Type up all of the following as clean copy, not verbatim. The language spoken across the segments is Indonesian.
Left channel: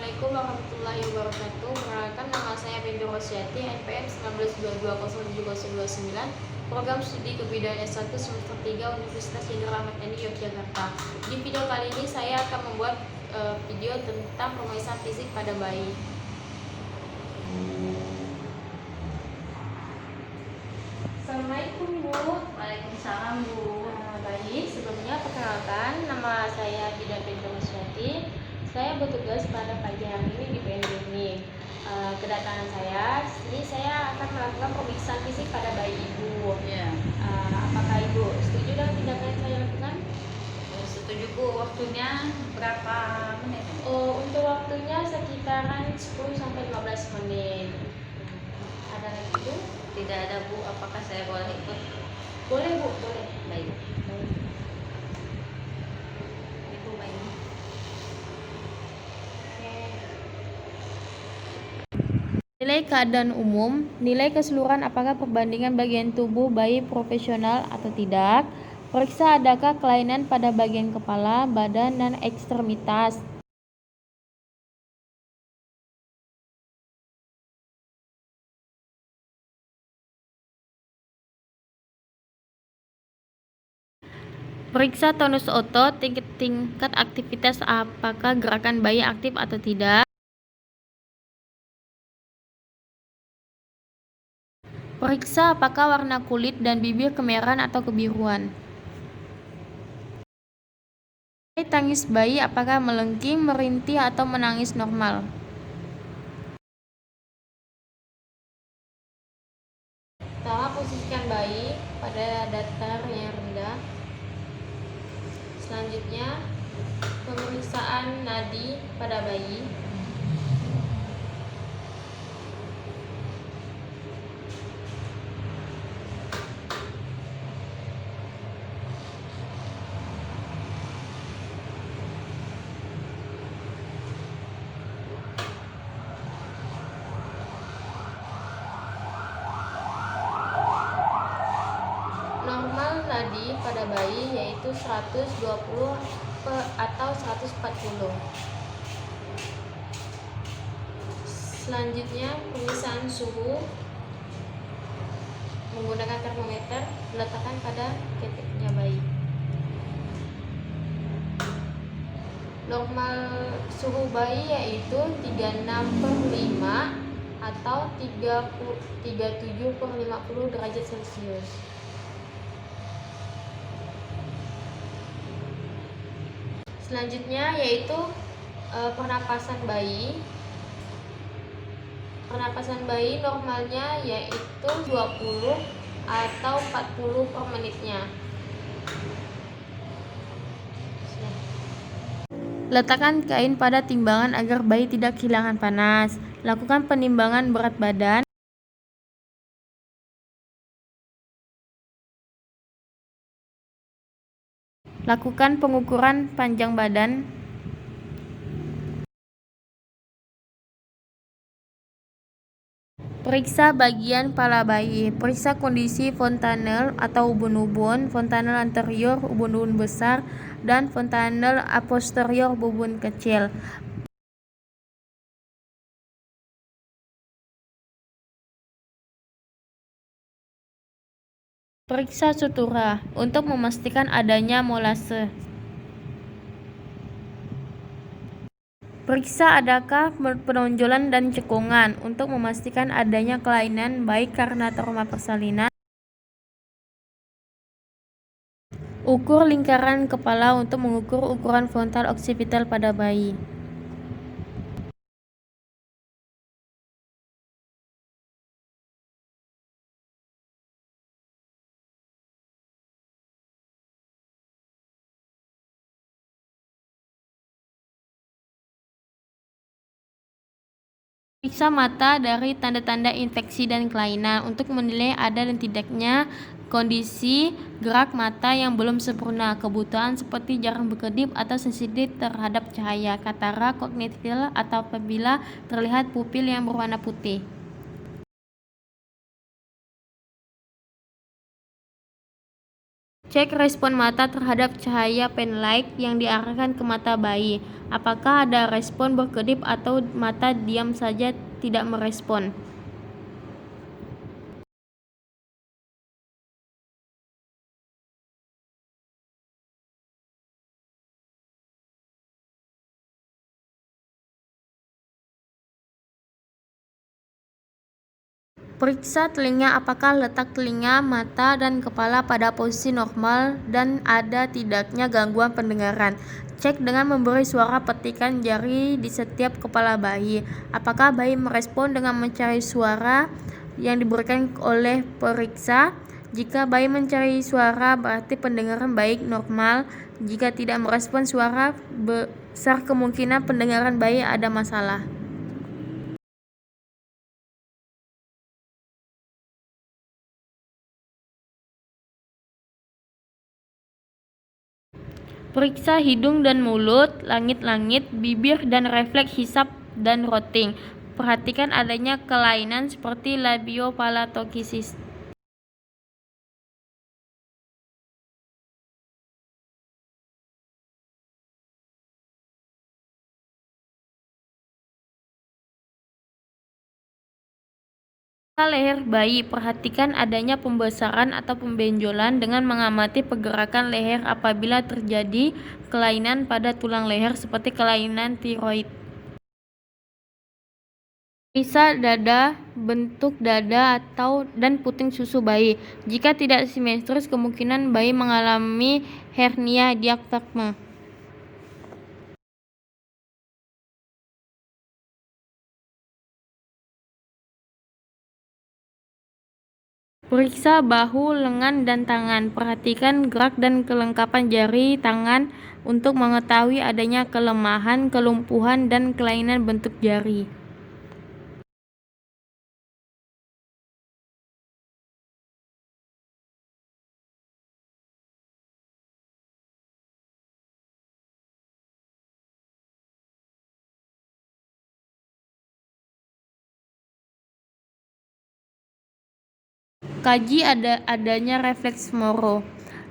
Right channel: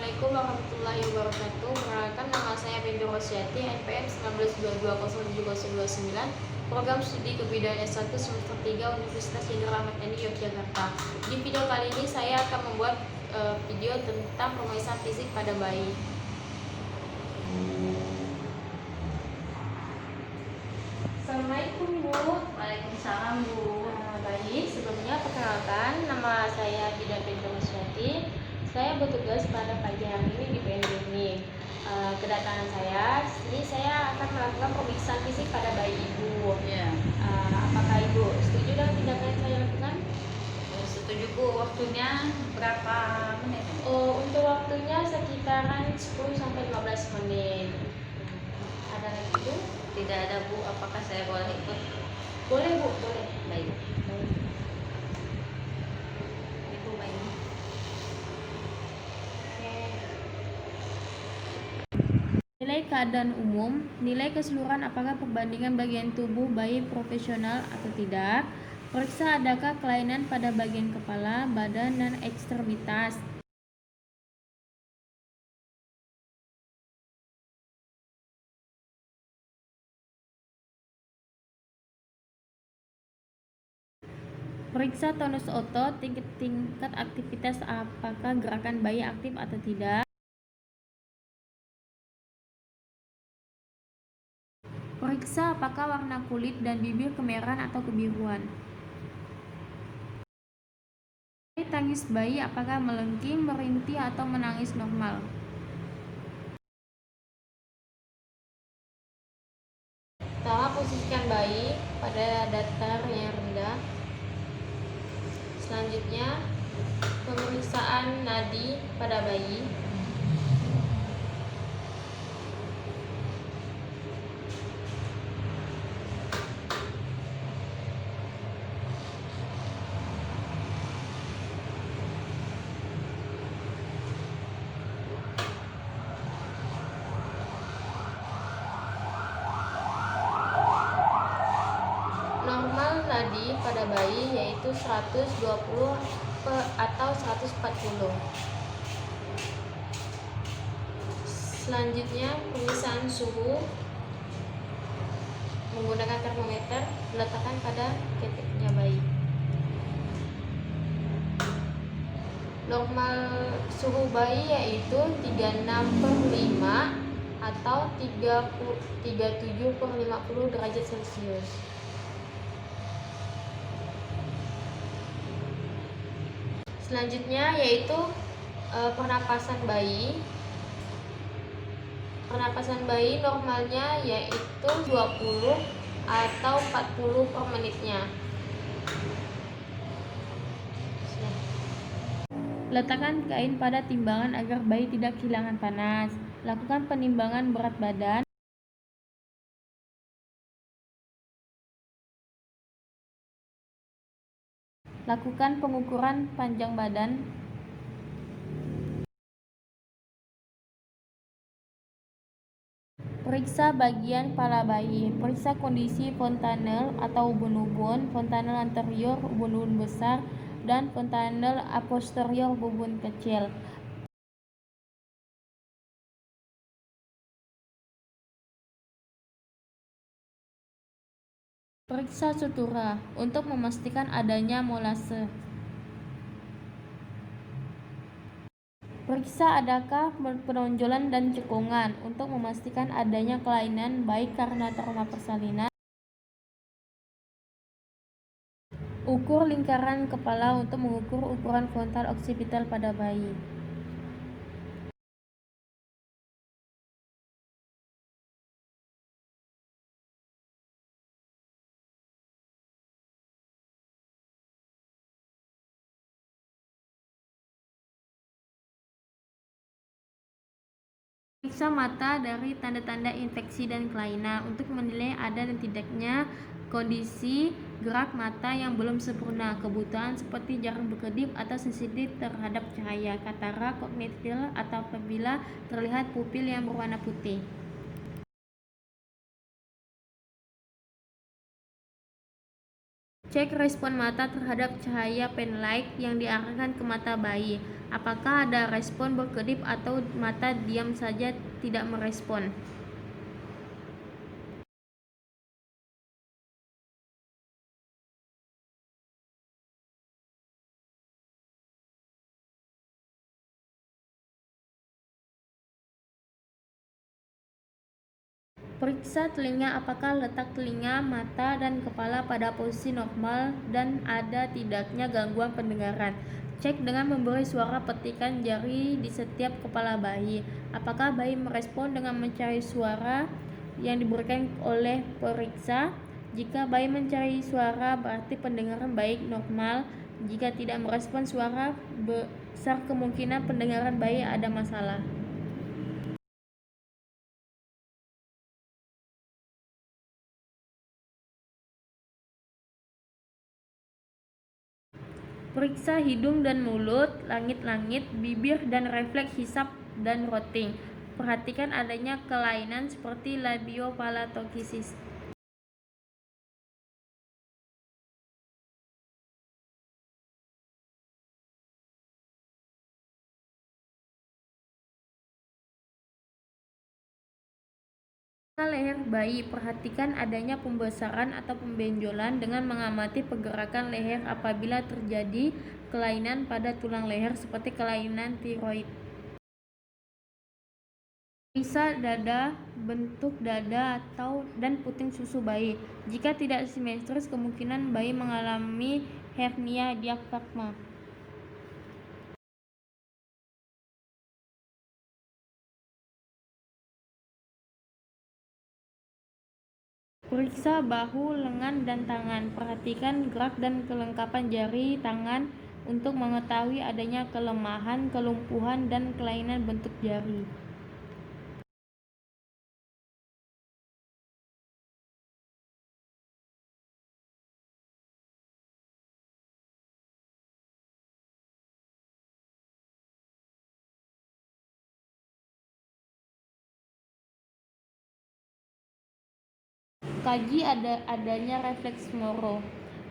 Assalamualaikum warahmatullahi wabarakatuh. Perkenalkan, nama saya Binti Rosyati, NPM 19220729, program studi kebudayaan S1 semester 3 Universitas Jenderal Ahmad Yani Yogyakarta. Di video kali ini saya akan membuat video tentang pemeriksaan fisik pada bayi. Assalamualaikum Bu. Waalaikumsalam Bu. Baik, sebelumnya perkenalkan, nama saya Binti Rosyati. Saya bertugas pada pagi hari ini di PNJ ini. Kedatangan saya, ini saya akan melakukan pemeriksaan fisik pada bayi ibu. Ya. Apakah ibu setuju dengan tindakan yang saya lakukan? Setuju Bu. Waktunya berapa menit? Untuk waktunya sekitaran 10 sampai 15 menit. Ada lagi Bu? Tidak ada Bu. Apakah saya boleh ikut? Boleh Bu, boleh. Baik. Itu baik. Nilai keadaan umum, nilai keseluruhan apakah perbandingan bagian tubuh bayi proporsional atau tidak. Periksa adakah kelainan pada bagian kepala, badan, dan ekstremitas. Periksa tonus otot, tingkat aktivitas apakah gerakan bayi aktif atau tidak. Periksa apakah warna kulit dan bibir kemerahan atau kebiruan. Tangis bayi apakah melengking, merintih, atau menangis normal. Pertama, posisikan bayi pada datar yang rendah. Selanjutnya, pemeriksaan nadi pada bayi. Normal nadi pada bayi yaitu 120 atau 140. Selanjutnya, pemeriksaan suhu menggunakan termometer diletakkan pada keteknya bayi. Normal suhu bayi yaitu 36/5 atau 37/50 derajat Celcius. Selanjutnya yaitu pernapasan bayi. Pernapasan bayi normalnya yaitu 20 atau 40 per menitnya. Letakkan kain pada timbangan agar bayi tidak kehilangan panas. Lakukan penimbangan berat badan. Lakukan pengukuran panjang badan. Periksa bagian pala bayi. Periksa kondisi fontanel atau ubun-ubun, fontanel anterior, ubun-ubun besar, dan fontanel posterior, ubun kecil. Periksa sutura untuk memastikan adanya molase. Periksa adakah penonjolan dan cekungan untuk memastikan adanya kelainan baik karena trauma persalinan. Ukur lingkaran kepala untuk mengukur ukuran frontal occipital pada bayi. Periksa mata dari tanda-tanda infeksi dan kelainan untuk menilai ada dan tidaknya kondisi gerak mata yang belum sempurna, kebutuhan seperti jarang berkedip atau sensitif terhadap cahaya, katara kognitif, atau apabila terlihat pupil yang berwarna putih. Cek respon mata terhadap cahaya penlight yang diarahkan ke mata bayi. Apakah ada respon berkedip atau mata diam saja tidak merespon? Periksa telinga, apakah letak telinga, mata, dan kepala pada posisi normal dan ada tidaknya gangguan pendengaran. Cek dengan memberi suara petikan jari di setiap kepala bayi. Apakah bayi merespon dengan mencari suara yang diberikan oleh periksa? Jika bayi mencari suara, berarti pendengaran baik normal. Jika tidak merespon suara, besar kemungkinan pendengaran bayi ada masalah. Periksa hidung dan mulut, langit-langit, bibir, dan refleks hisap dan rotting. Perhatikan adanya kelainan seperti labiopalatoksis. Pada leher bayi, perhatikan adanya pembesaran atau pembenjolan dengan mengamati pergerakan leher apabila terjadi kelainan pada tulang leher seperti kelainan tiroid. Periksa dada, bentuk dada dan puting susu bayi. Jika tidak simetris, kemungkinan bayi mengalami hernia diafragma. Periksa bahu, lengan, dan tangan. Perhatikan gerak dan kelengkapan jari tangan untuk mengetahui adanya kelemahan, kelumpuhan, dan kelainan bentuk jari. Kaji adanya refleks Moro.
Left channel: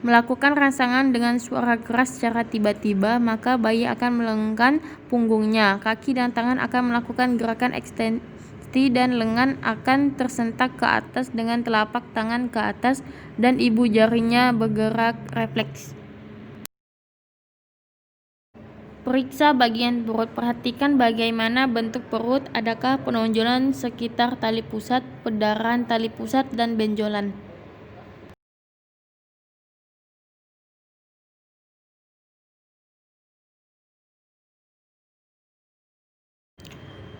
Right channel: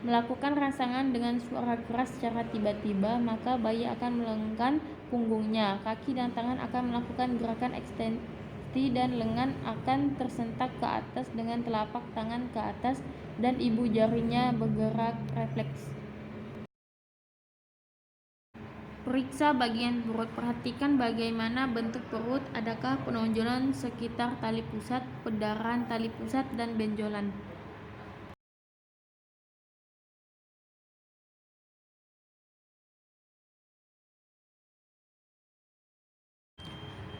Melakukan rangsangan dengan suara keras secara tiba-tiba, maka bayi akan melenggang punggungnya. Kaki dan tangan akan melakukan gerakan ekstensi dan lengan akan tersentak ke atas dengan telapak tangan ke atas dan ibu jarinya bergerak refleks. Periksa bagian perut. Perhatikan bagaimana bentuk perut, adakah penonjolan sekitar tali pusat, pendarahan tali pusat, dan benjolan.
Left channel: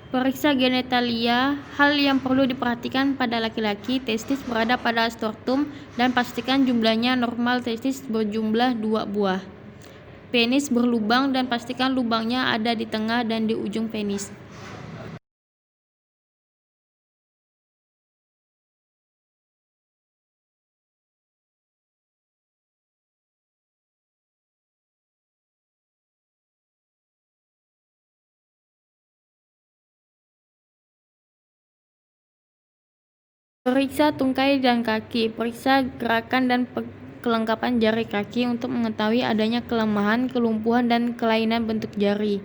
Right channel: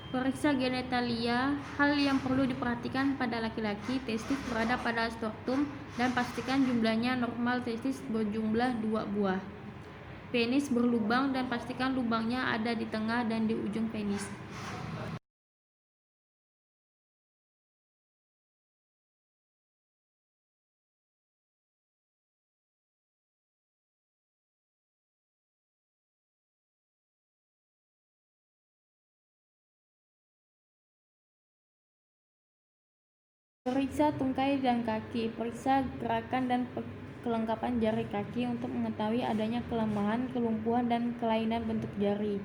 Periksa genitalia. Hal yang perlu diperhatikan pada laki-laki, testis berada pada scrotum dan pastikan jumlahnya normal. Testis berjumlah 2 buah. Penis berlubang dan pastikan lubangnya ada di tengah dan di ujung penis. Periksa tungkai dan kaki. Periksa gerakan dan kelengkapan jari kaki untuk mengetahui adanya kelemahan, kelumpuhan, dan kelainan bentuk jari.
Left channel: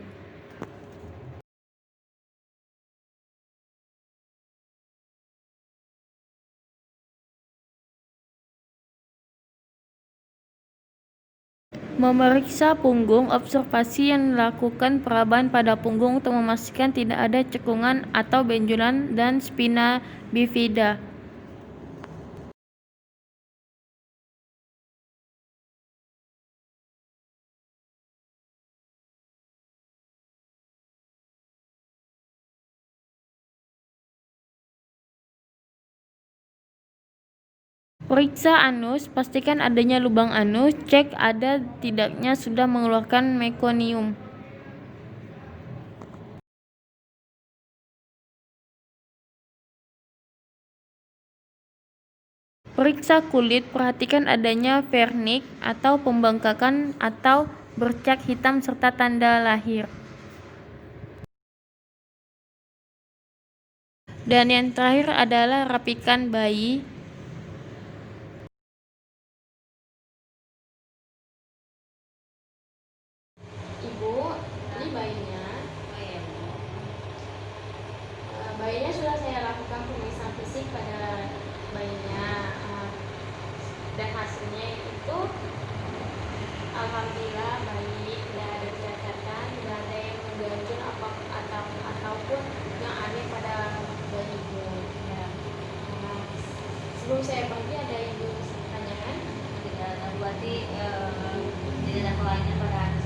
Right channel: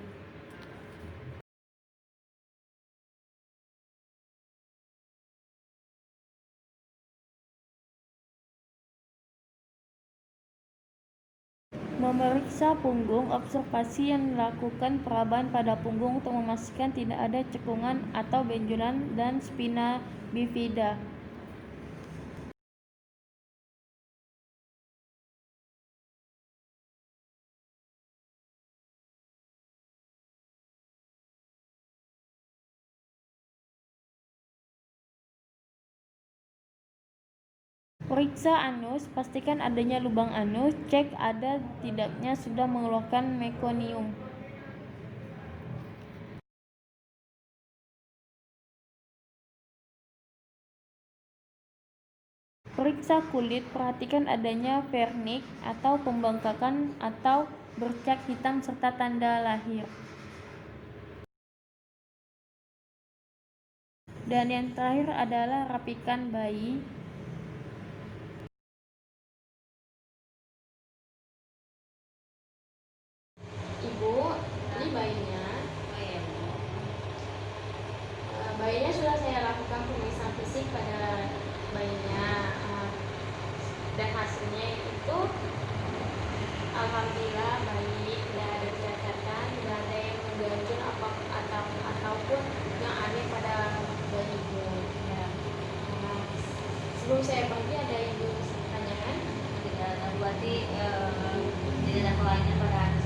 Memeriksa punggung. Observasi yang dilakukan perabahan pada punggung untuk memastikan tidak ada cekungan atau benjolan dan spina bifida. Periksa anus, pastikan adanya lubang anus, cek ada tidaknya sudah mengeluarkan mekonium. Periksa kulit, perhatikan adanya vernik atau pembengkakan atau bercak hitam serta tanda lahir. Dan yang terakhir adalah rapikan bayi. dan hasilnya itu alhamdulillah baik, tidak ada catatan, tidak ada yang mengganjal ataupun yang aneh pada bayi ibu ya. Nah, sebelum saya pergi ada yang ingin saya tanyakan? Tidak ada berarti tidak ada kelainan pada